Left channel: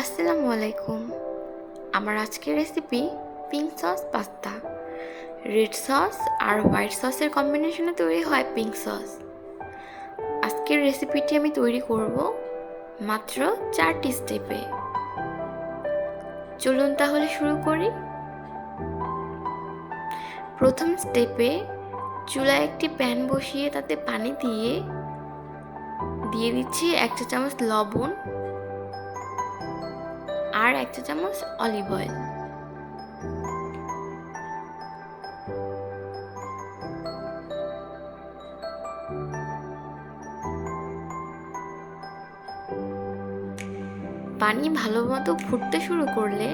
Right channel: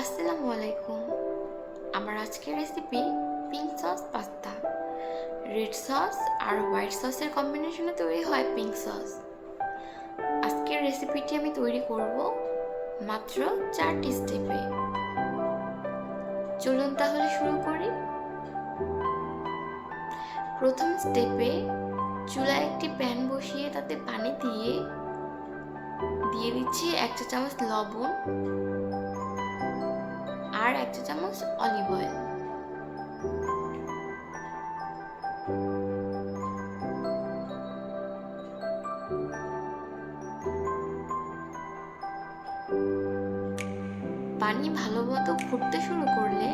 আসসালামু আলাইকুম। আমার আজকের recipe pink sauce pasta. Red sauce আর হোয়াইট সসের কম্বিনেশনে তৈরি হয় পিঙ্ক সস। আজকের রেসিপিটি আমি তৈরি করব মাত্র 4টি স্টেপে। চলুন তাহলে শুরু করি। প্রথম স্টেপে চুলায় একটি প্যান বসিয়ে তাতে পানি দিয়ে দিচ্ছি 1 চা চামচ লবণ আর 1 চা চামচ অলিভ অয়েল। পানি ভালো মতো ফুটতে শুরু করলে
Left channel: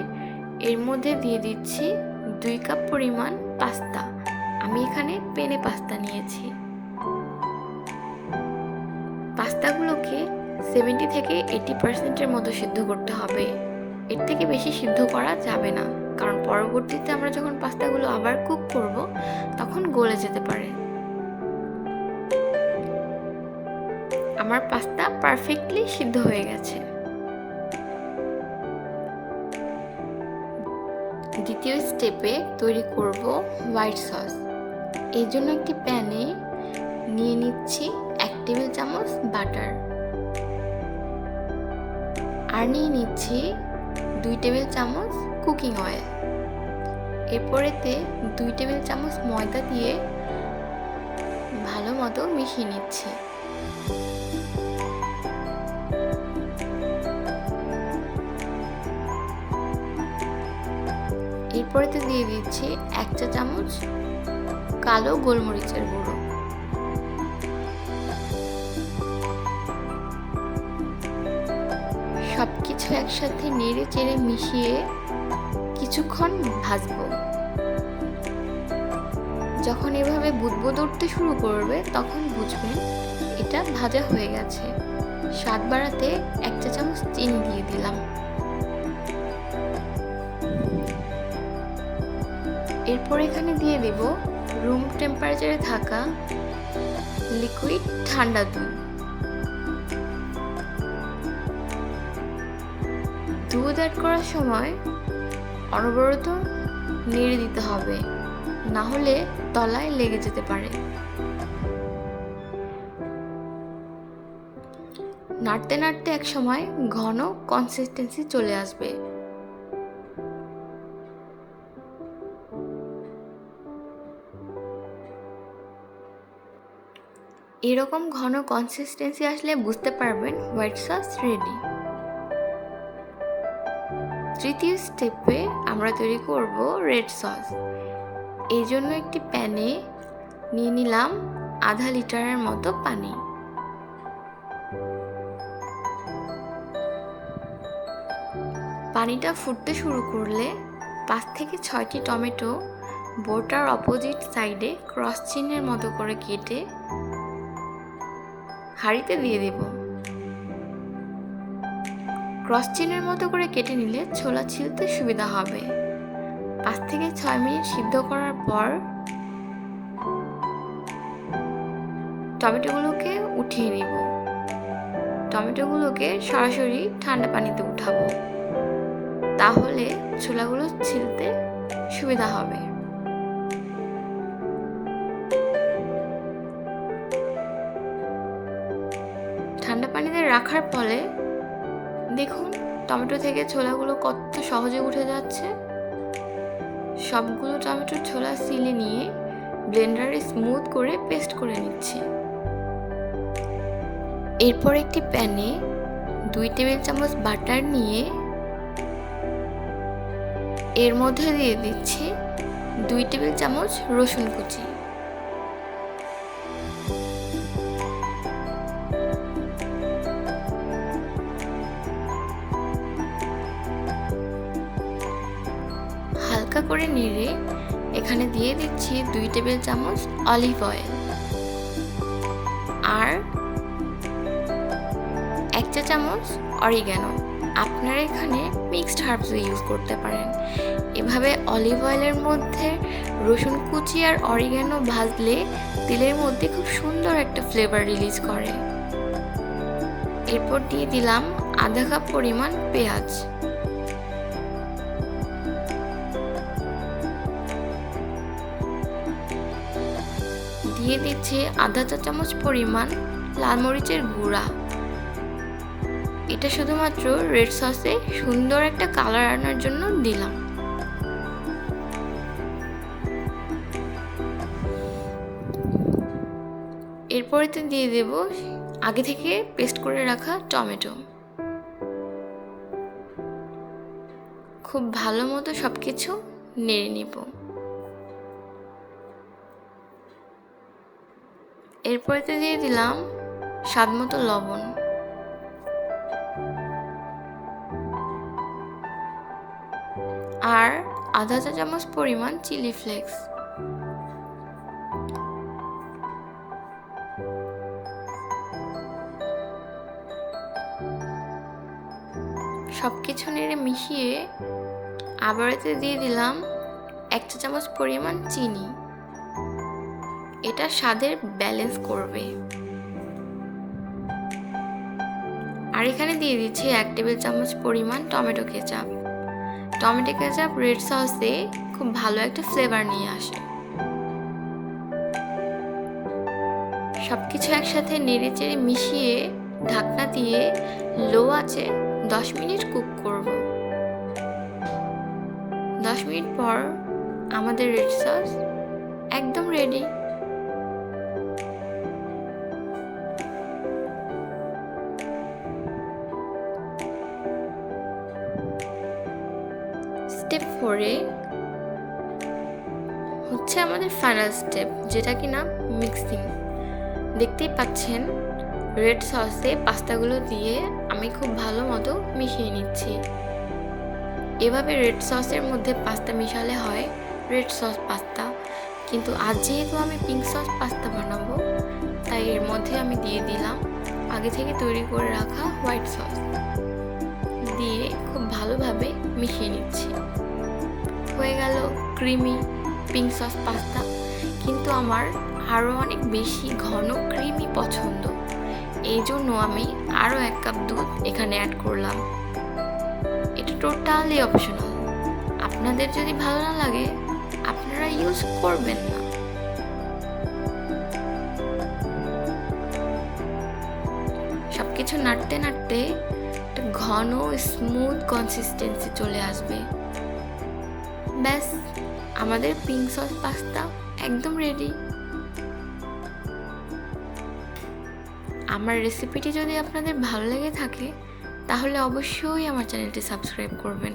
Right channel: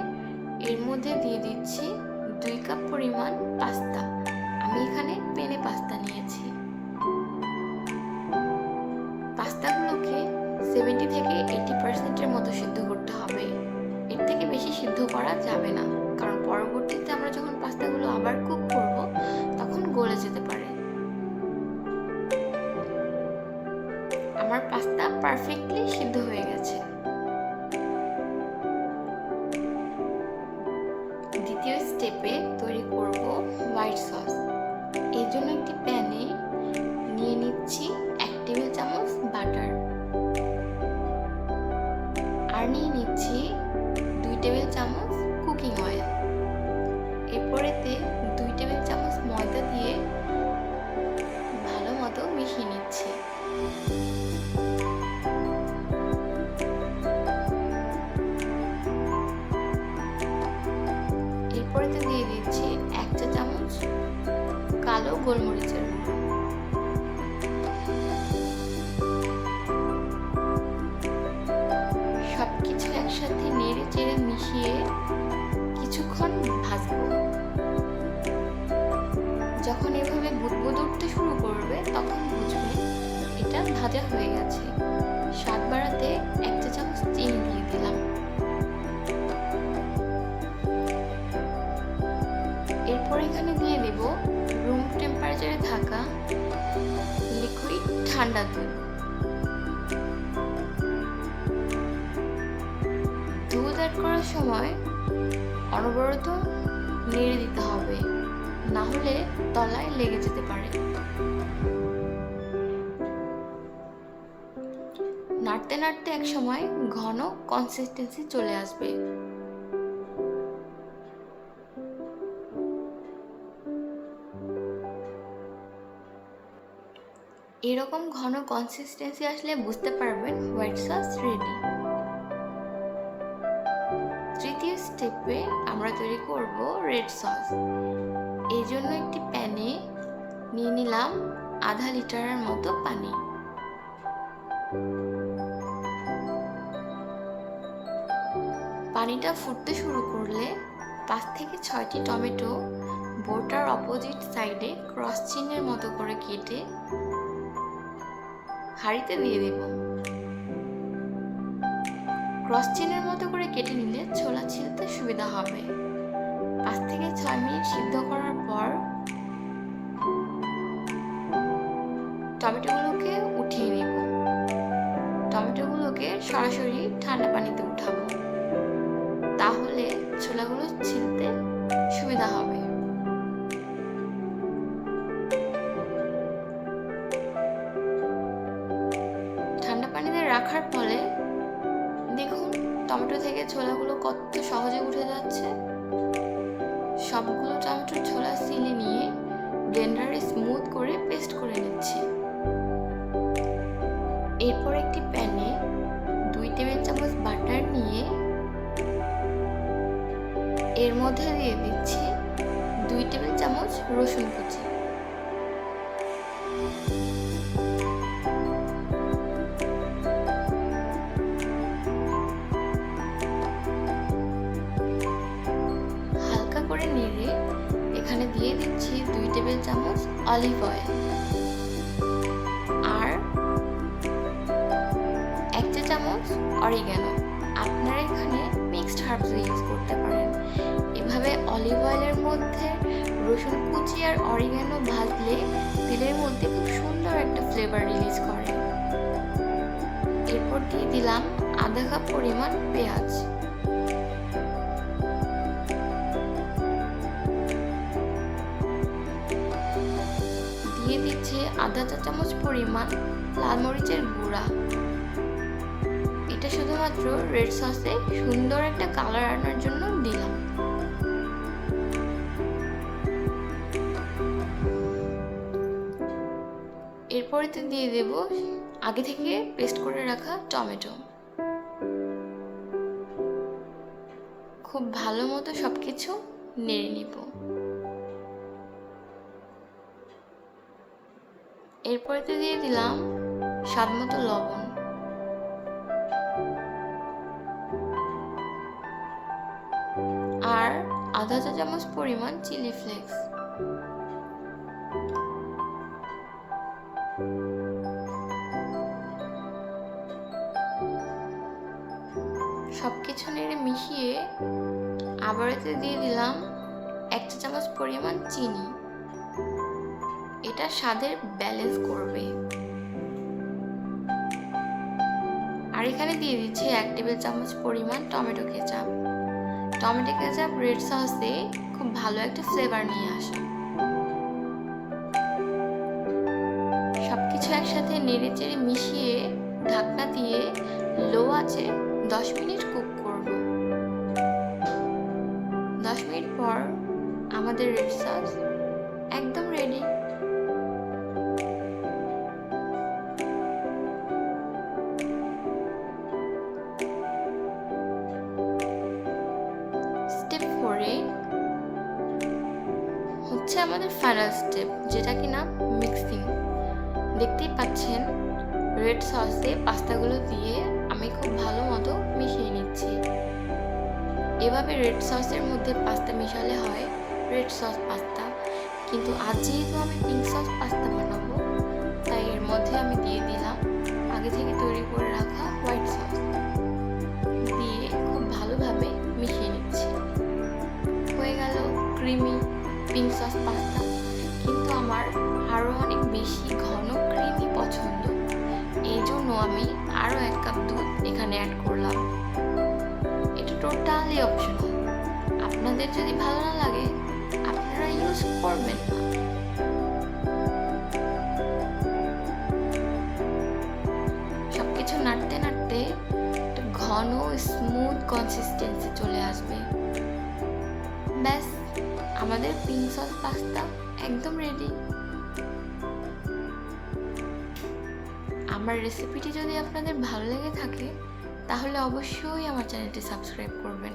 এর মধ্যে দিয়ে দিচ্ছি 2 কাপ পরিমাণ পাস্তা। আমি এখানে পেনে পাস্তা নিয়েছি। পাস্তাগুলোকে 70 থেকে 80% মতো সিদ্ধ করতে হবে। এর থেকে বেশি সিদ্ধ করা যাবে না, কারণ পরবর্তীতে আমরা যখন পাস্তাগুলো আবার কুক করব তখন গলে যেতে পারে। আমার পাস্তা পারফেক্টলি সিদ্ধ হয়ে গেছে। দ্বিতীয় স্টেপে তৈরি করব হোয়াইট সস। এই জন্য একটি প্যানে নিয়ে নিচ্ছি 1 টেবিল চামচ বাটার আর নিয়ে নিচ্ছি 2 টেবিল চামচ কুকিং অয়েল। এরপরেতে 2 টেবিল চামচ ময়দা দিয়ে ভালো মতো মিশিয়ে নিচ্ছি। এরপরেতে দিয়ে দিচ্ছি 1 চা চামচ কালো গোলমরিচের গুঁড়ো। সবকিছু একসাথে নেড়ে চেড়ে মিশিয়ে কিছুক্ষণ ভাজবো। যখন এভাবে বুদবুদ উঠতে শুরু করবে তখন বুঝবেন এটা ভাজা হয়ে গেছে। স্বাদ বাড়াতে 1 চা চামচ চিনি দিয়ে দিলাম। এরপর এখানে দিয়ে দেব রুম টেম্পারেচারে থাকা লিকুইড ঠান্ডা দুধ। দুধ অ্যাড করার সময় অনবরত নেড়ে দিতে হবে, না হলে তলায় লেগে যেতে পারে। নাড়তে নাড়তে এক সময় ঘন কনসিস্টেন্সি চলে আসবে। এরকম ঘন কনসিস্টেন্সি আসলে বুঝতে পারবেন হোয়াইট সস রেডি। তৃতীয় স্টেপে আমরা তৈরি করব রেড সস। এই জন্য একটি প্যানে নিয়ে নিলাম আধা লিটারের মতো পানি। পানিটা ফুটতে শুরু করলে 5 থেকে 6টি টমেটো বোর্ডটার অপোজিট সাইডে ক্রস চিহ্নের মতো করে কেটে হাঁড়িতে দিয়ে দেব। ক্রস চিহ্নের মতো করে কেটে নিলে ছোলা ছিলতে সুবিধা হবে। 5 থেকে 6 মিনিট সিদ্ধ করার পর টমেটোগুলোকে উঠিয়ে নিব। টমেটোগুলোকে সরাসরি ঠান্ডা পানিতে উঠাবো, তাহলে ছোলাগুলো ছিলতে সুবিধা হবে। ঠান্ডা পানিতে রাখার ফলে দেখুন টমেটো থেকে ছোলাগুলো কত সহজে উঠে যাচ্ছে। সবগুলো টমেটোর ছোলা সিলে নিয়ে ব্লেন্ডারে স্মুথ করে পেস্ট করে নিচ্ছি। এরপর একটি প্যানে 2 টেবিল চামচ বাটার নিয়ে এর মধ্যে দিয়ে দিচ্ছি 2 টেবিল চামচ রসুন কুচি। হালকা করে নেড়ে এখানে দিয়ে দিচ্ছি 2 টেবিল চামচ অলিভ অয়েল আর 1 চা চামচ অরিগ্যানো। আপনারা এখানে মিক্সড হার্বস ইউজ করতে পারেন। এভাবে অলিভ অয়েলের মধ্যে রসুন কুচি আর অরিগ্যানো ভাজলে তেলের মধ্যে খুব সুন্দর একটা ফ্লেভার রিলিজ করে। এরপর দিয়ে দিলাম আধা কাপ পরিমাণ পেঁয়াজ, দিয়ে দিচ্ছি আধা চা চামচ পরিমাণ লাল মরিচের গুঁড়া। এটা শুধুমাত্র রেড সসে সুন্দর একটা কালার আনার জন্য দিলাম। এরপরেতে দিয়ে দেব আগে থেকে পেস্ট করে রাখা টমেটো। খুব ভালো মতো সবকিছু নেড়ে নিব। এরপরেতে দিয়ে দিলাম স্বাদ মতো লবণ, আর আধা চা চামচ পরিমাণ চিলি ফ্লেক্স। সবকিছু নেড়ে মিশিয়ে আবার এতে দিয়ে দিলাম 1 চা চামচ পরিমাণ চিনি। এটা স্বাদের ব্যালেন্স করবে। আর এখানে দিয়ে দিচ্ছি 1 টেবিল চামচ পরিমাণ tomato ketchup. Tomato ketchup red সসে খুব ভালো একটা ফ্লেভার নিয়ে আসে। সবকিছু একসাথে নেড়ে চেড়ে মিশিয়ে ঢাকনা দিয়ে লো আঁচে 10 মিনিট কুক করব। 10 মিনিট পর আমাদের রেড সস একদম রেডি। স্টেপ 4-এ হচ্ছে আমাদের ফাইনাল স্টেপ, যেটা কিনা মিক্সিং। দেখতেই পাচ্ছেন রেড সসে পাস্তাগুলো দিয়ে আমি খুব ভালো মতো মিশিয়ে নিচ্ছি। এভাবে রেড সসের মধ্যে পাস্তা মিশালে হয় রেড সস পাস্তা, কিন্তু আজ যেহেতু আমি পিঙ্ক সস পাস্তা বানাবো, তাই এর মধ্যে আমি দিয়ে দিলাম আগে থেকে তৈরি করে রাখা হোয়াইট সস। দিয়ে খুব ভালোভাবে মিশিয়ে নিচ্ছি। হয়ে গেল ক্রিমি পিঙ্ক সস পাস্তা। কিন্তু আমার আরও অনেক বেশি ঘন ক্রিমি পছন্দ, এই জন্য আমি আরও 1 কাপ দুধ এখানে অ্যাড করলাম। এটা টোটালি অপশনাল, আপনাদের যদি ভালো না লাগে আপনারা ইউজ করবেন না। সবকিছু নাড়তে নাড়তে একটা ঘন স্মুথ কনসিস্টেন্সি চলে আসবে। ব্যাস, আমাদের পিঙ্ক সস পাস্তা একদম রেডি। আমার রেসিপিটি যদি আপনাদের ভালো লেগে থাকে তাহলে অবশ্যই আমার চ্যানেলটি সাবস্ক্রাইব করবেন।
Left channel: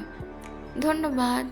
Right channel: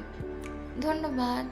ধন্যবাদ।